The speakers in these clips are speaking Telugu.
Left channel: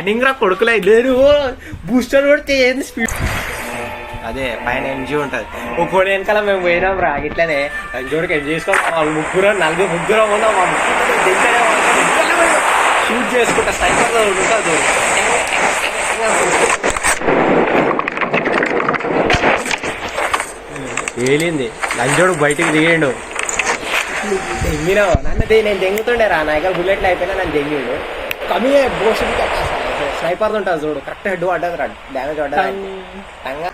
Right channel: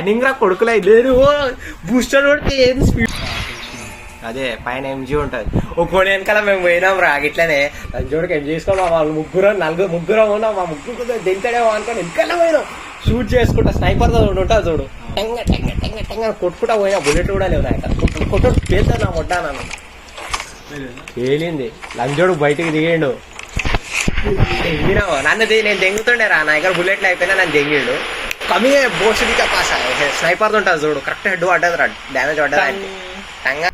ప్లానింగ్ రా కొడుకులే లేదు బూస్టర్ కొడితే ఏంది అదే పైన ఎంజీ ఉంటది ఒక్కోటి వెనకాల మేము పోయినాం రా ఇట్లనే లంచోడికి ఎంజీ చేసుకోమా వాళ్ళు ముగ్గురం ఉన్నాం మా ముగ్గురు దింకడే వాళ్ళతో ఇంకనే పోయినాం షూట్ చేసుకుంటా స్నైపర్ ఉంటుంది చూడు కొట్టుకుంటా పోయినా తేలింది లంచోడు బయటికి దిగిండు తెంగినావు నన్ను నేను తెంగుతుండే రా నా దగ్గర బుల్లెట్లు అయిపోయినా నన్ను తెంగిండు కమీ బోస్ట్కి కాసా స్నైపర్ ఉంటుంది చూడు కరెక్ట్ హెడ్ పడ్డది రా డ్యామేజ్ పడ్డది టంగా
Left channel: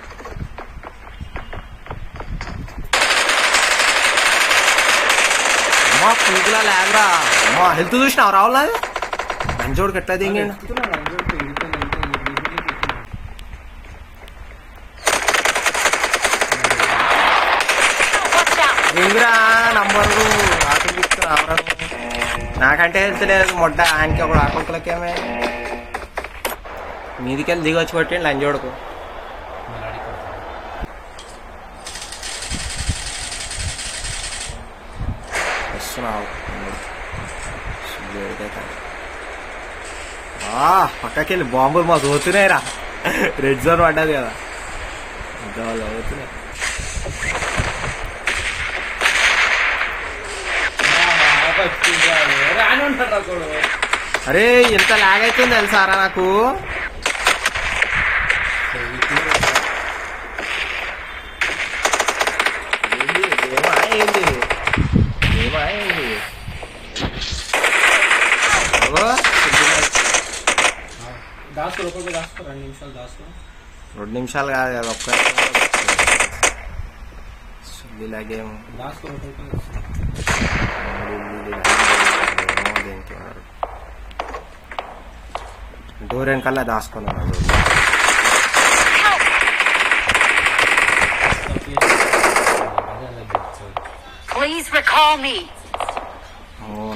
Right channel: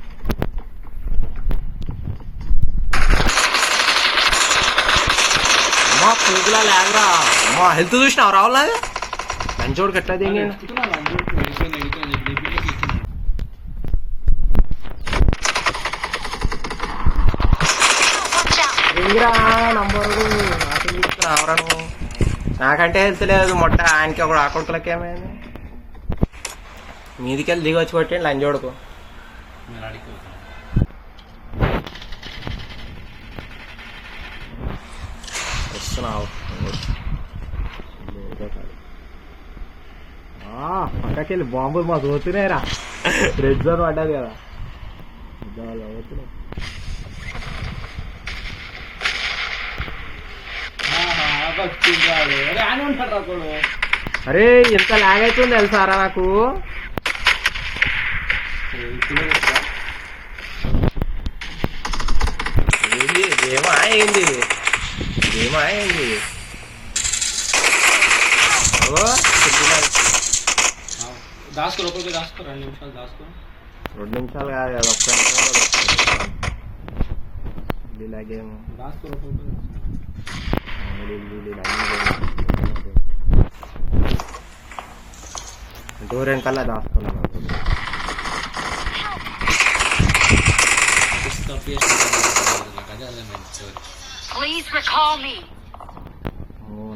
అమ్మా పురుగులా లేదురా అమ్మా హెల్త్ చూసినావు రావాలా లంచోడికి ఎట్లా తెంగిండు ఇందిరా నంబరు రావరా నాకంటే హెల్త్ లేదు మొట్ట ఆయనకి ఒకడు ఆకొడుకులకేమే మీదికెళ్ళి దిగొచ్చి కొట్టి లంచోడుకు వస్తున్నావు పక్కకెళ్ళి బాంబులు మా పోతున్నాయి రా రెడ్ జోన్ పడ్డది కదా పోతున్నాయి అరే ఎంత లాగ్ అవుతుంది తెలుసారా నాకు ఏమైంది రెండు నిమిషాలు కాదు కదా ఒక్క ఇలాగేమో డోర్ వెనకాల దాచుకున్నాను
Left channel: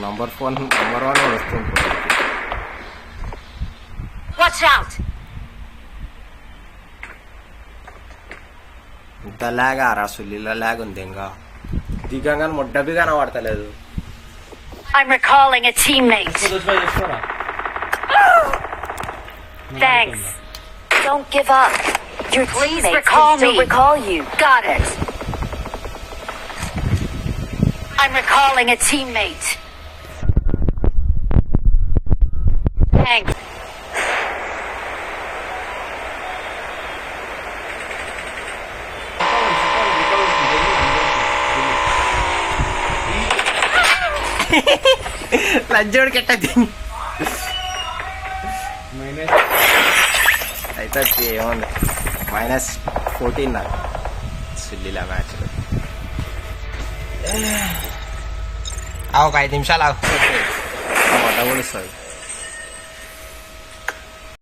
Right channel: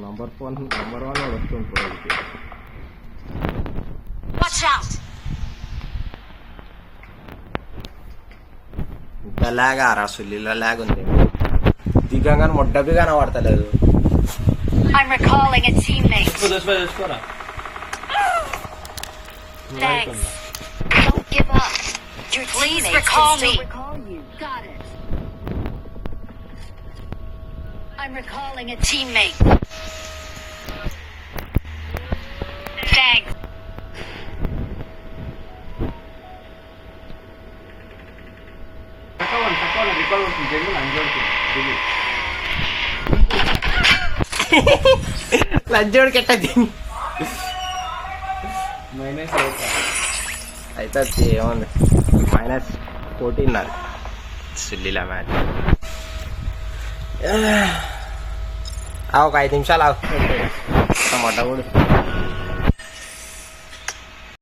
నంబర్ 1 వస్తుంది ఇంత లాగా రా సుల్లిలో లాగ్ ఉంది ఇంకా దిగంగా మొడ్డబి కనబడతలేదు I'm recalling a teammate. Thanks. Don't give up. Your teammates can still recall you. Got it. I'm recalling a teammate. Thanks. లంచోడికి ఎట్ట అయితే ఏముంది -14 నాకు సుల్లిలా మ్యాచ్ ఒక 5 నిమిషాలు మొట్ట కూడా